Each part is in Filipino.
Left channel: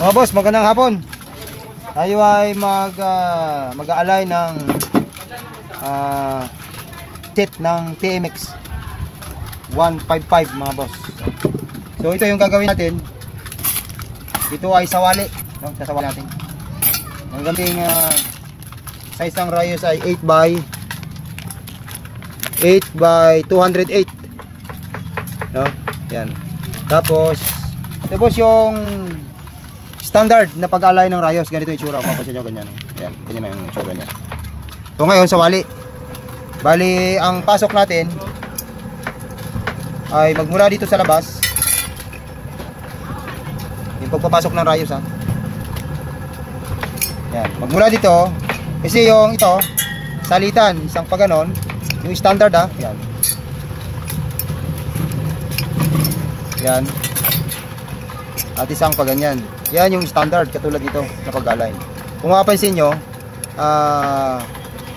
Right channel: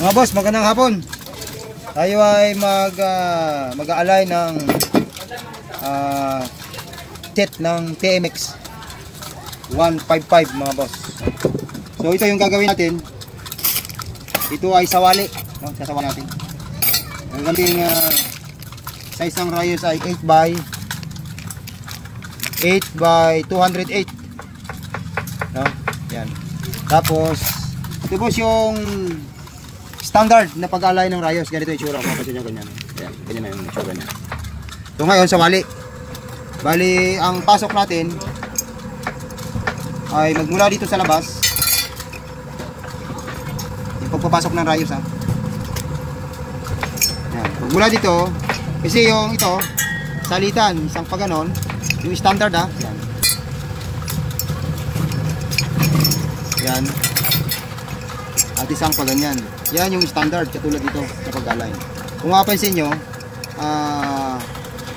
Mga boss, magandang hapon. Tayo ay mag-aalay ng set ng TMX 155 mga boss. So ito yung gagawin natin. Ito ay sawali, no? Sasawali natin. Ang ganding size ng rayos ay 8x208, no? Yan. Tapos ito boss yung standard na pag-alay ng rayos. Ganito yung itsura. Mapasin nyo ganyan. Yan, ganyan na yung itsura niya. So ngayon sawali. Bali ang pasok natin ay magmula dito sa labas. Yung pagpapasok ng rayos, ha. Yan, magmula dito. Kasi yung ito salitan, isang pa ganon. Yung standard, ha. Yan. Yan. At isang pa ganyan. Yan yung standard katulad dito sa pag-alay. Kung mapapansin nyo,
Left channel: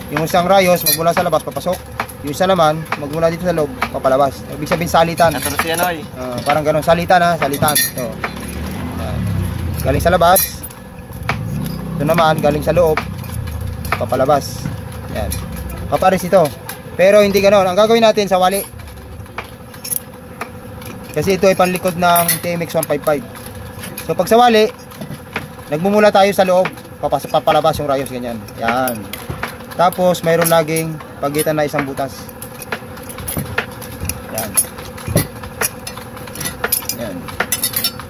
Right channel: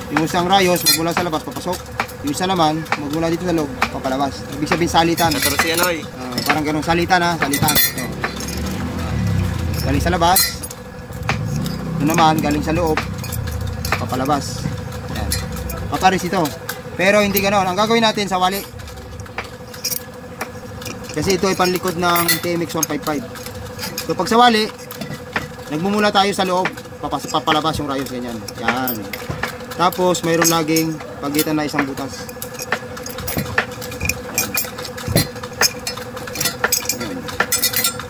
yung isang rayos magmula sa labas papasok, yung isa naman magmula dito sa loob papalabas. Ibig sabihin salitan. Parang ganun, salitan, ha, salitan. Galing sa labas, ito naman galing sa loob papalabas. Yan. Papares ito. Pero hindi ganoon. Ang gagawin natin sa wali, kasi ito ay panlikod ng TMX 155. So pag sa wali, nagmumula tayo sa loob, papalabas yung rayos ganyan. Yan. Tapos mayroon laging pagitan na isang butas. Yan. Yan.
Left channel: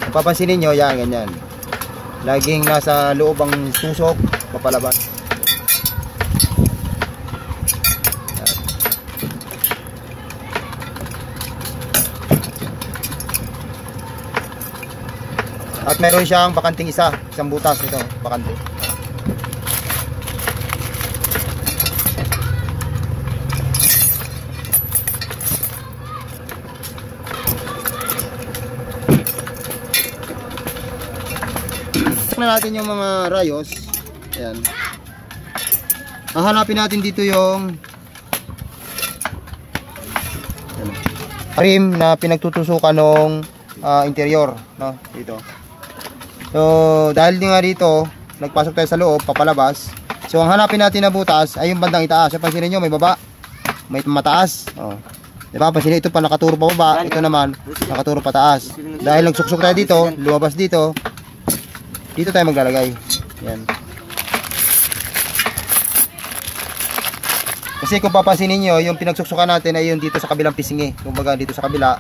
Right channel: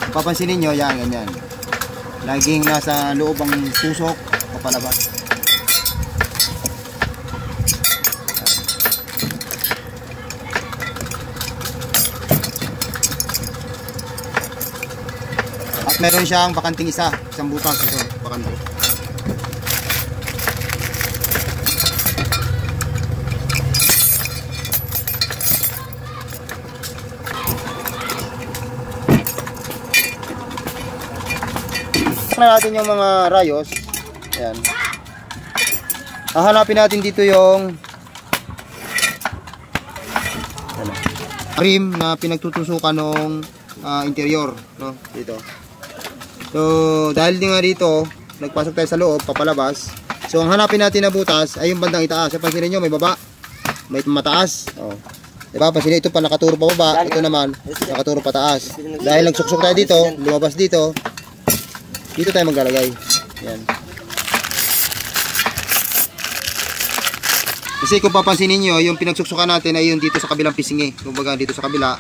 Papansinin nyo, yan, ganyan. Laging nasa loob ang tusok, papalabas. At meron siyang bakanting isang butas, bakante. Na natin yung mga rayos. Ayan. Hahanapin natin dito yung rim na pinagtutusukan ng interior, no? Dito. So dahil nga dito nagpasok tayo sa loob, papalabas. So ang hanapin natin na butas ay yung bandang itaas. So pansinin nyo, may baba, may mataas. Diba? Pansinin, ito pa nakaturo pa baba, ito naman nakaturo pa taas. Dahil nagsuksok tayo dito, lumabas dito, dito tayo maglalagay. Yan. Kasi kung papansinin nyo, yung pinagsuksukan natin ay yung dito sa kabilang pisingi. Kumbaga dito sa kabila.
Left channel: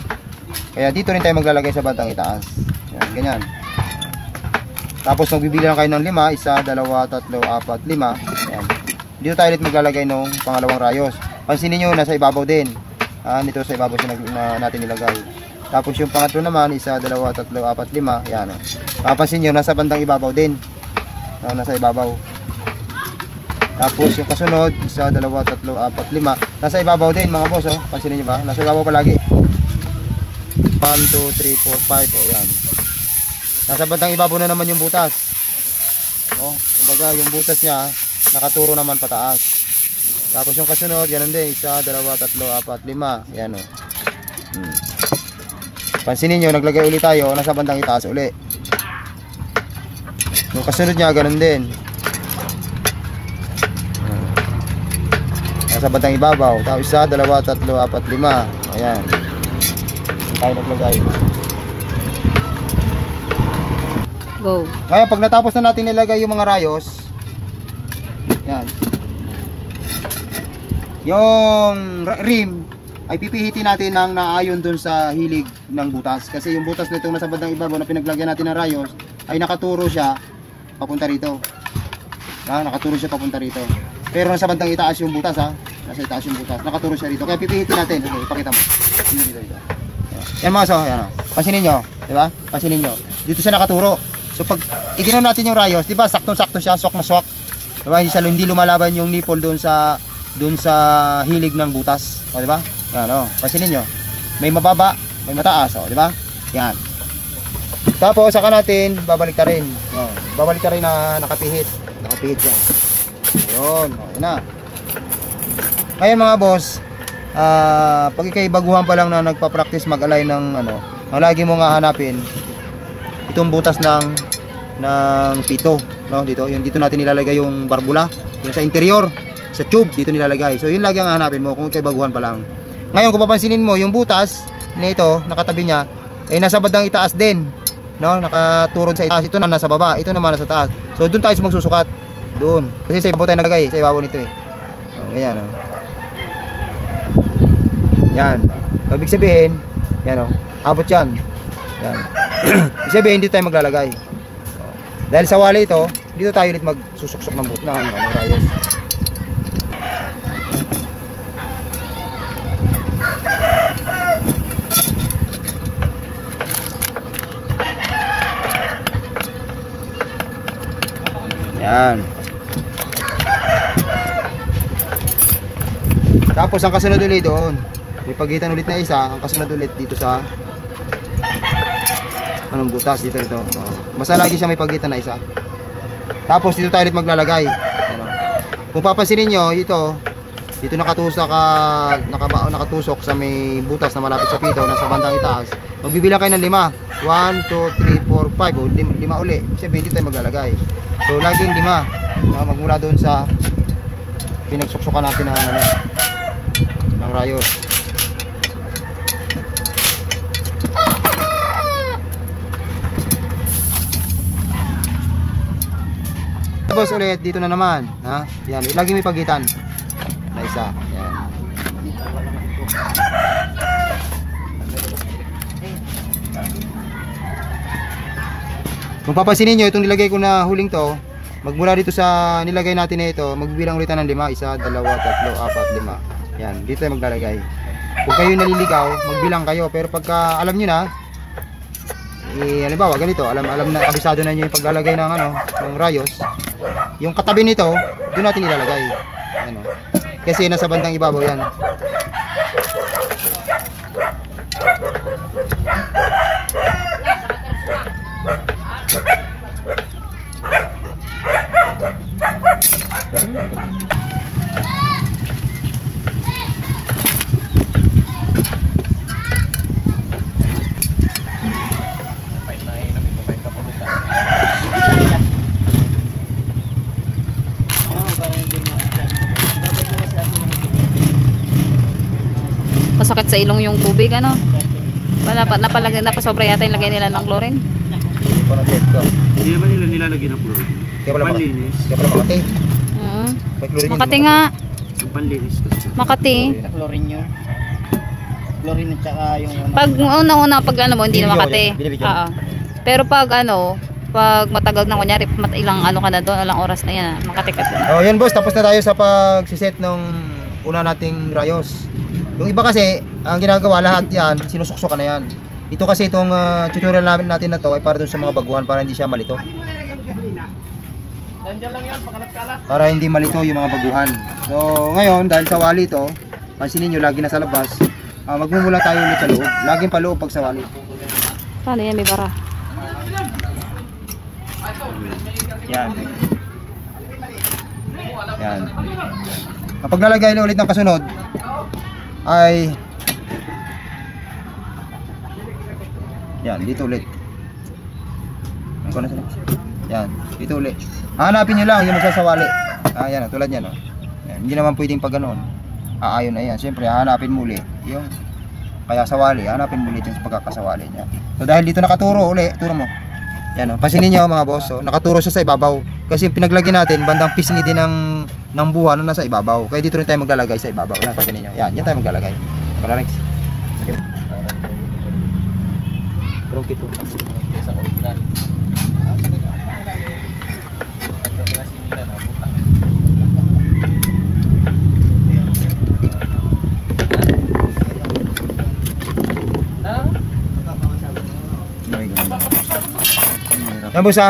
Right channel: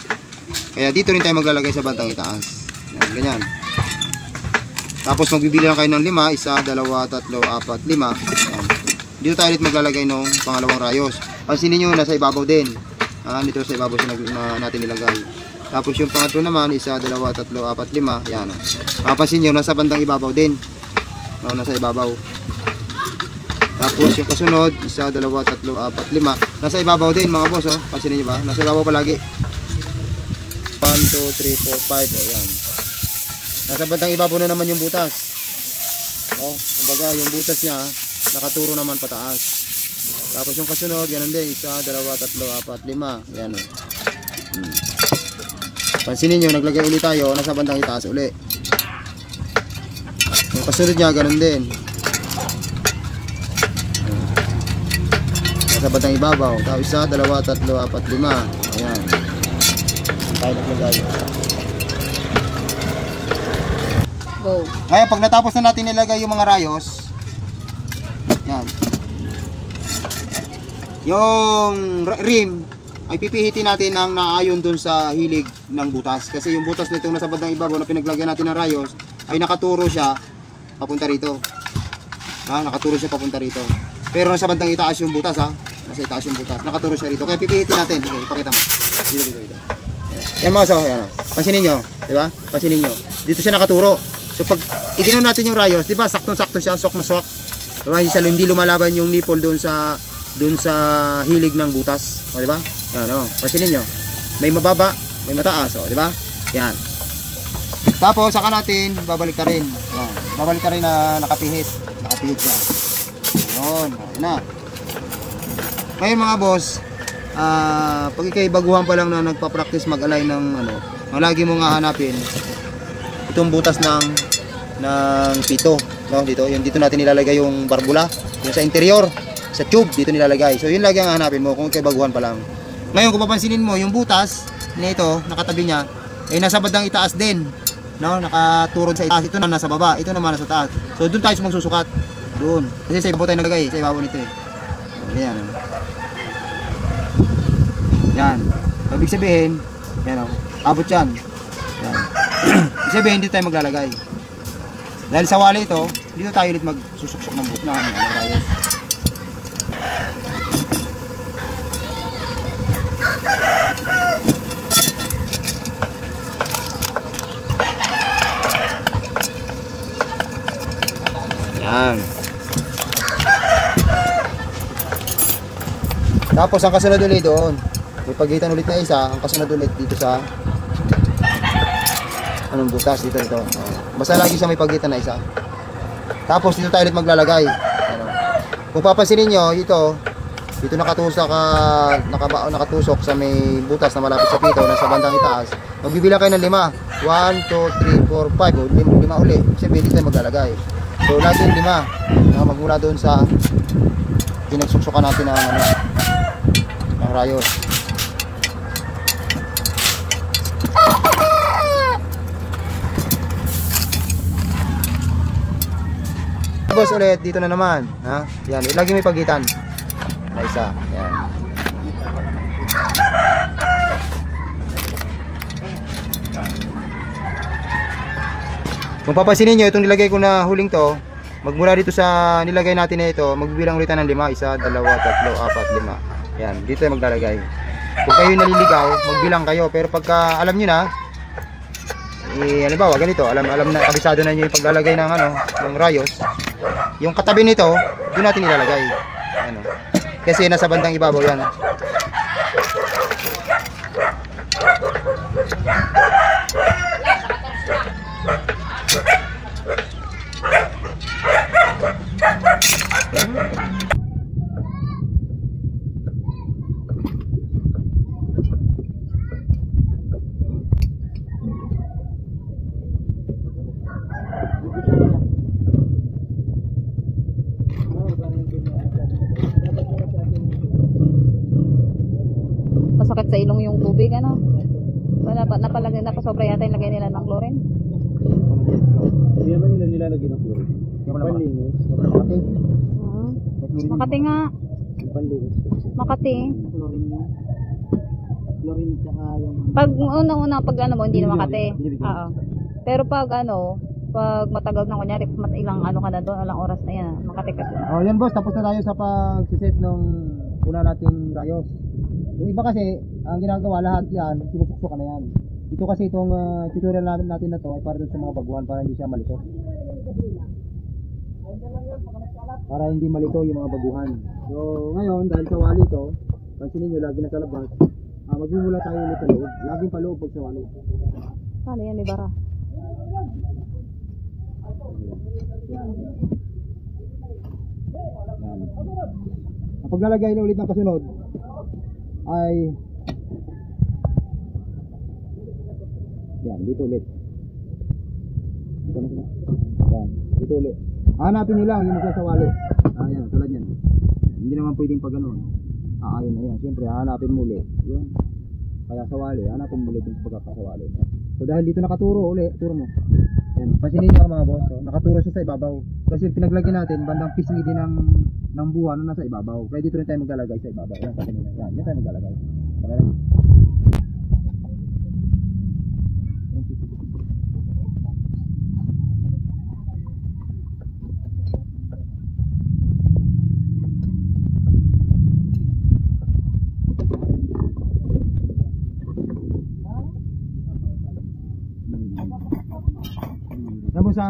Kaya dito rin tayo maglalagay sa bandang itaas. Yan, ganyan. Tapos magbibili lang kayo ng 5, 1, 2, 3, 4, 5. Yan. Dito tayo ulit maglalagay ng pangalawang rayos. Pansinin nyo, nasa ibabaw din. Dito sa ibabaw na natin nilagay. Tapos yung pangatlo naman, 1, 2, 3, 4, 5. Yan. Papansin nyo, nasa bandang ibabaw din. Nasa ibabaw. Tapos yung kasunod, 1, 2, 3, 4, 5. Nasa ibabaw din mga boss. Pansinin nyo ba? Nasa ibabaw palagi. 1, 2, 3, 4, 5. Yan. Nasa bandang ibabaw na naman yung butas. Kumbaga yung butas niya nakaturo naman pataas. Tapos yung kasunod, ganun din. 1, 2, 3, 4, 5. Yan o. Pansinin nyo, naglagay ulit tayo. Nasa bandang itaas ulit. Yung kasunod niya, ganun din. Nasa bandang ibabaw. Tapos 1, 2, 3, 4, 5. Ayan. Tayo naglagay. Go. Ngayon, pag natapos na natin nilagay yung mga rayos, yan, yung rim ay pipihitin natin ng naayon dun sa hilig ng butas. Kasi yung butas nito nasa bandang ibabaw na pinaglagyan natin ng rayos ay nakaturo siya papunta rito. Nakaturo siya papunta rito. Pero nasa bandang itaas yung butas, nasa itaas yung butas. Nakaturo siya rito. Kaya pipihitin natin. Okay, ipakita mo. Yan mga so, yan. Pansinin nyo, di ba? Pansinin nyo. Dito siya nakaturo. So pag iginaw natin yung rayos, di ba? Saktong-sakto siya, swak na swak. Diba? Hindi lumalaban yung nipple doon sa hilig ng butas. Di ba? Yan, pansinin nyo. May mababa, may mataas, di ba? Yan. Tapos saka natin babalik ka rin. Yan. Babalik ka rin na nakapihit. Nakapihit siya. Ayun, ayun na. Ngayon mga boss, pag ikay baguhan pa lang na nagpa-practice mag-align ng ang lagi mo nga hanapin itong butas ng ng pito, no? Dito, yung dito natin nilalagay yung barbula, yung sa interior, sa tube dito nilalagay. So yun lagi ang hanapin mo kung kay baguhan pa lang. Ngayon kung papansinin mo, yung butas nito, nakatabi niya, nasa bandang itaas din, no? Nakaturod sa itaas. Ito na nasa baba, ito naman nasa taas. So doon tayo magsusukat. Doon. Kasi sa ibabaw tayo nalagay, sa ibabaw nito eh. Ganyan, no? Yan. Ibig sabihin, yan, no? Abot yan. Yan. Ibig sabihin, dito tayo maglalagay. Dahil sa wali ito, dito tayo ulit magsusuksok ng rayon. Yan. Tapos ang kasunod ulit doon. May pagitan ulit na isa, ang kasunod ulit dito sa anong butas dito. Basta lagi siya may pagitan na isa. Tapos dito tayo ulit maglalagay. Kung papansinin nyo, dito nakatusok sa may butas na malapit sa pito, nasa bandang itaas. Magbibilang kayo ng 5. 1, 2, 3, 4, 5. O, 5 uli. Siyempre dito tayo maglalagay. So laging 5. Magmula doon sa pinagsuksukan natin ng rayos. Tapos ulit dito na naman, ha? Yan, lagi may pagitan. Na isa. Yan. Kung papansinin nyo, itong nilagay ko na huling to, magmula dito sa nilagay natin na ito, magbibilang ulit ng 5. 1, 2, 3, 4, 5. Yan, dito tayo maglalagay. Kung kayo naliligaw, magbilang kayo. Pero pagka alam nyo na, halimbawa ganito, alam na, kabisado na nyo yung paglalagay ng ng rayos. Yung katabi nito, doon natin ilalagay. Kasi nasa bandang ibabaw yan. Masakit sa ilong yung tubig, ano? Napasobra yata yung lagay nila ng chlorine. Hindi ba nila nilalagay ng chlorine? Panlinis. Kaya pala Makati. Makati nga. Yung panlinis kasi. Makati. Chlorine yun. Chlorine at saka yung Pag una-una, pag mo, hindi na Makati. Oo. Pero pag pag matagal na, kunyari, ilang ka na doon, ilang oras na yan, Makati ka doon. Oh, yan boss, tapos na tayo sa pagsiset ng una nating rayos. Yung iba kasi, ang ginagawa lahat yan, sinusuksukan na yan. Ito kasi itong tutorial natin na to ay para dun sa mga baguhan para hindi siya malito. Para hindi malito yung mga baguhan. So ngayon, dahil sa wali ito, pansinin nyo, lagi na sa labas. Magmumula tayo ulit sa loob. Laging paloob pag sa wali. Paano yan, may bara? Yan. Yan. Kapag nalagay na ulit ng kasunod, ay yan, dito ulit. Yan, dito ulit. Hanapin nyo lang yung magsasawali. Yan, tulad yan. Yan, hindi naman pwedeng pag ganoon. Aayon na yan. Siyempre, hanapin mo ulit yung kaya sawali. Hanapin mo ulit yung pagkakasawali niya. So dahil dito nakaturo ulit, turo mo. Yan, pansinin nyo mga boss. So, nakaturo siya sa ibabaw. Kasi pinaglagyan natin, bandang pisngi din ng buwan na nasa ibabaw. Kaya dito rin tayo maglalagay sa ibabaw. Pansinin nyo. Yan, yan tayo maglalagay. Para lang. Yan boss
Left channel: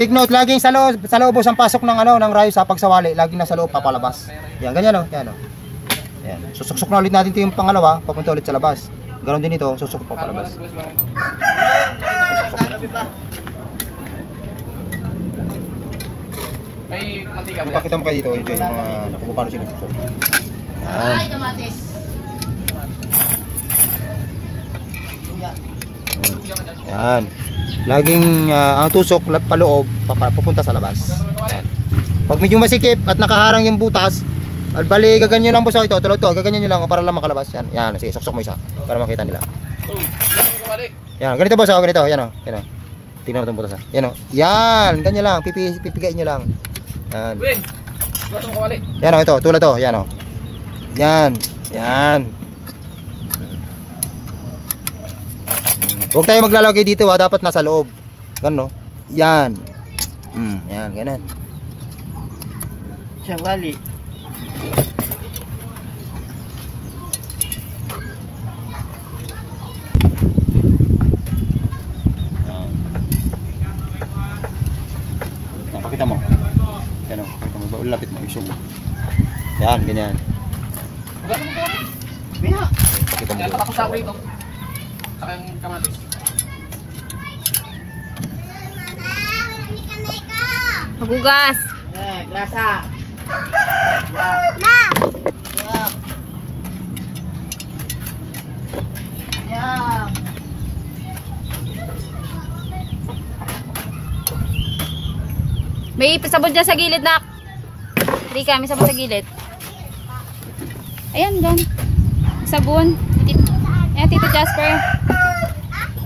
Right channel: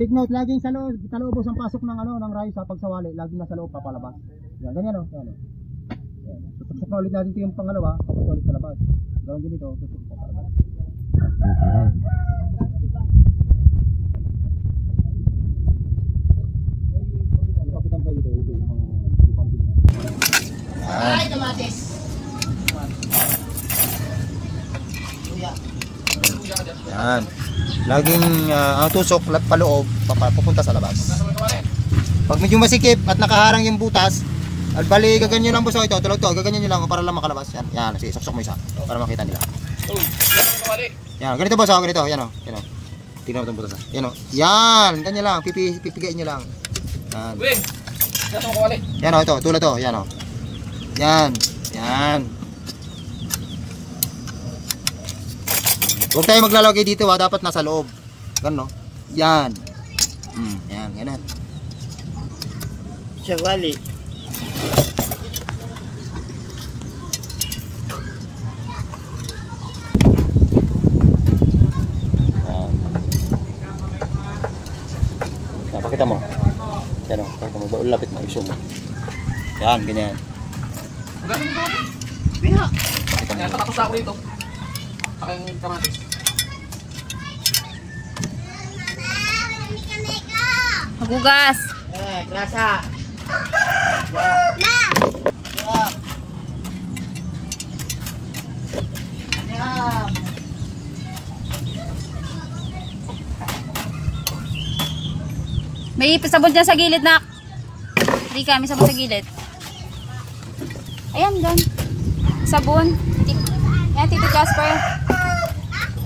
take note, laging sa loob boss ang pasok ng ng rayos sa pagsawali, laging nasa loob papalabas. Yan, ganyan yan Yan. Susuksok na ulit natin 'ito yung pangalawa, papunta ulit sa labas. Ganoon din ito, susuk papalabas. Pakita mo kayo dito, yung mga kung paano sila susuk. Ay, kamatis. Yan. Laging ang tusok paloob, papunta sa labas. Pag medyo masikip at nakaharang yung butas, bali gaganyan lang po sa ito, tulad to, gaganyan nyo lang para lang makalabas. Yan, yan, sige, suksok mo isa para makita nila. Yan, ganito boss, ganito, yan o, yan o. Tingnan mo itong butas ha. Yan o, yan, ganyan lang, pipigain nyo lang. Yan. Yan o, ito, tulad to, yan o. Yan, yan. Huwag tayo maglalagay dito ha, dapat nasa loob. Ganun, no? Yan. Yan, ganun. Siyang wali. Pakita mo. Yan o, pakita mo. Lapit mo, isun mo. Yan, ganyan. Biha. Pakita mo. Tapos ako rito. Aking kamatis. Magugas. Grasa. May sabon dyan sa gilid, nak. Rika, may sabon sa gilid. Ayan, dyan. Sabon. Ayan, Tito Jasper.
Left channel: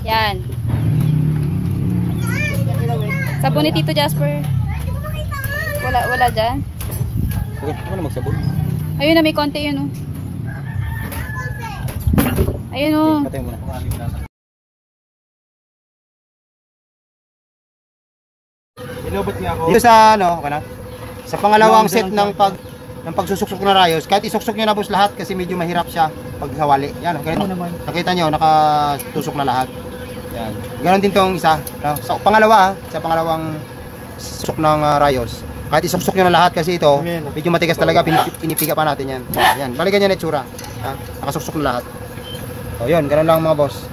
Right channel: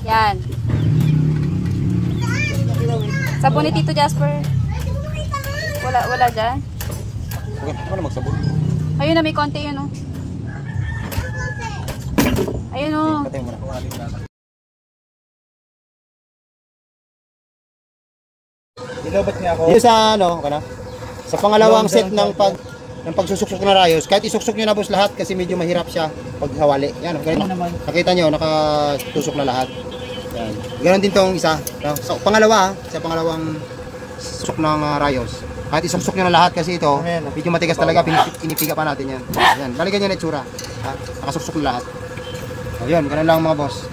Yan. Sabon ni Tito Jasper. Wala dyan. Huwag na magsabon. Ayun na, may konti yun, oh. Ayun, oh. Patay mo na. Nilobat niya ako. Dito sa ano, sa pangalawang set ng pagsusuksok na rayos, kahit isuksok niyo na boss lahat kasi medyo mahirap siya pag hawali. Yan, ganito. Nakita niyo nakatusok na lahat. Yan. Ganon din tong isa, no? So pangalawa, sa pangalawang susok ng rayos. Kahit isuksok niyo na lahat kasi ito, medyo matigas talaga, pinipiga pa natin yan. Yan, balikan niya na itsura. Nakasuksok na lahat. So yun, ganon lang mga boss.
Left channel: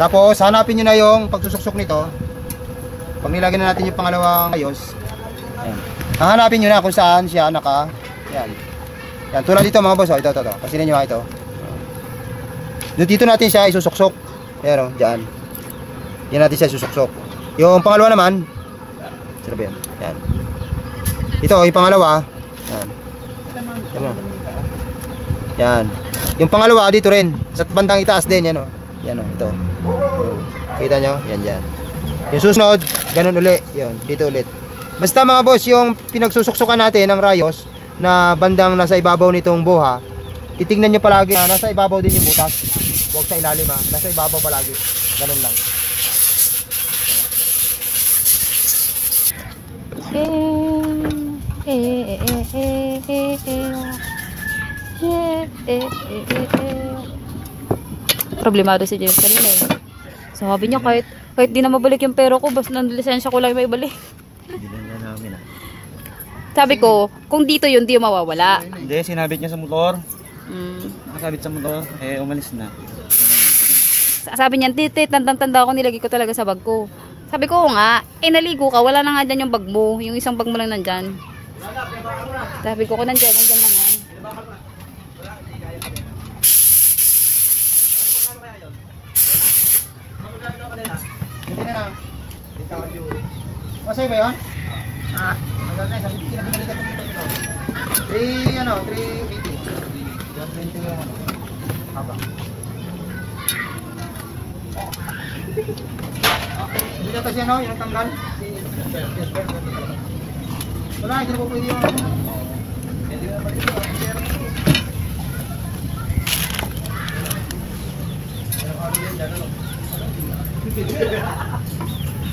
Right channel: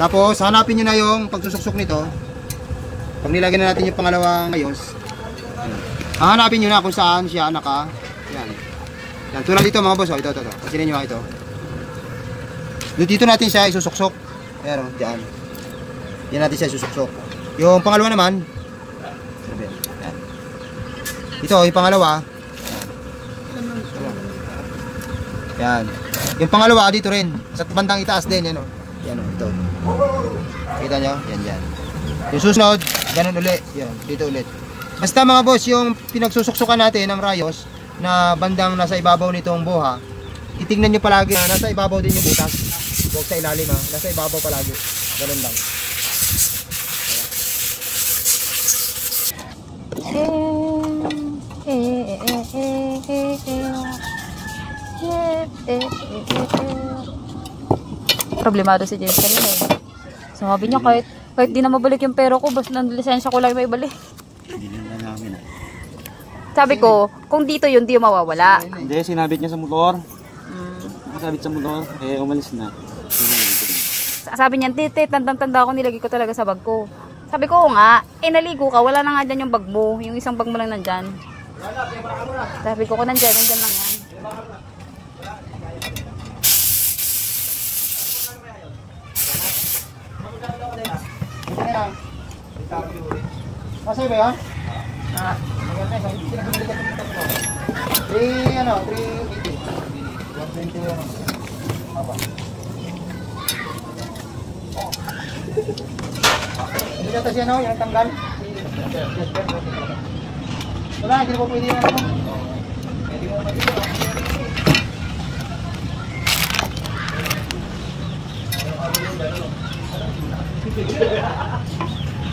Tapos hanapin niyo na yung pagsusuksok nito. Pag nilagyan na natin yung pangalawang rayos, hahanapin nyo na kung saan siya yan. Yan, tulad dito mga boss, ito. Pasinin nyo ito. Dito natin siya isusuksok. Pero, dyan. Yan natin siya isusuksok. Yung pangalawa naman, yan. Ito, yung pangalawa, yan. Yung pangalawa, dito rin. Sa bandang itaas din, yan o. Yan o, ito. Kita nyo? Yan, dyan. Yung susunod, ganun uli. Yan, dito ulit. Basta mga boss, yung pinagsusuksukan natin ng rayos na bandang nasa ibabaw nitong buha, titingnan nyo palagi na nasa ibabaw din yung butas. Huwag sa ilalim ha, nasa ibabaw palagi. Ganun lang. Problemado si James kanina eh. Sabi niya kahit di na mabalik yung pera ko, basta ng lisensya ko lang may balik. Sabi ko, kung dito yun, di yung mawawala. Hindi, sinabit niya sa motor. Sinabit sa motor, umalis na. Sabi niya, tite, tandang-tanda ko, nilagay ko talaga sa bag ko. Sabi ko, nga, naligo ka, wala na nga dyan yung bag mo. Yung isang bag mo lang nandyan. Sabi ko, nandyan lang yan. Masaya ba yun? 380. 120 lang. Haba. Dito kasi ano, yung tanggal. Wala, hindi na po pwede yan. Hindi mo pwede yan.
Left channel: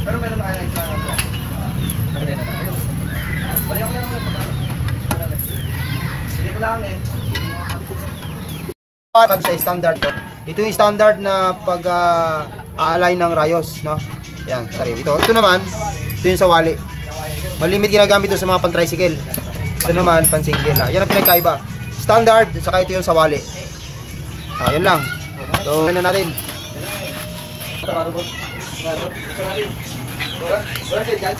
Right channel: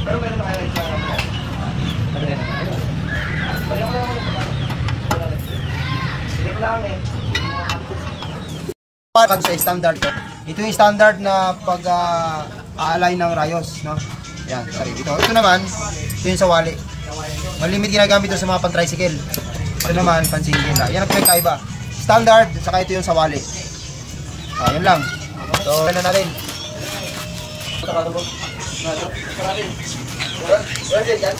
Pero meron na kayo sa pag sa standard to. Ito yung standard na pag-align ng rayos, no? Yan, sorry. Ito naman, ito yung sa wali. Malimit ginagamit ito sa mga pan-tricycle. Ito naman, pan-single na. Yan ang pinagkaiba. Standard, saka ito yung sa wali. Yan lang. So, ano na natin. Wala din yan.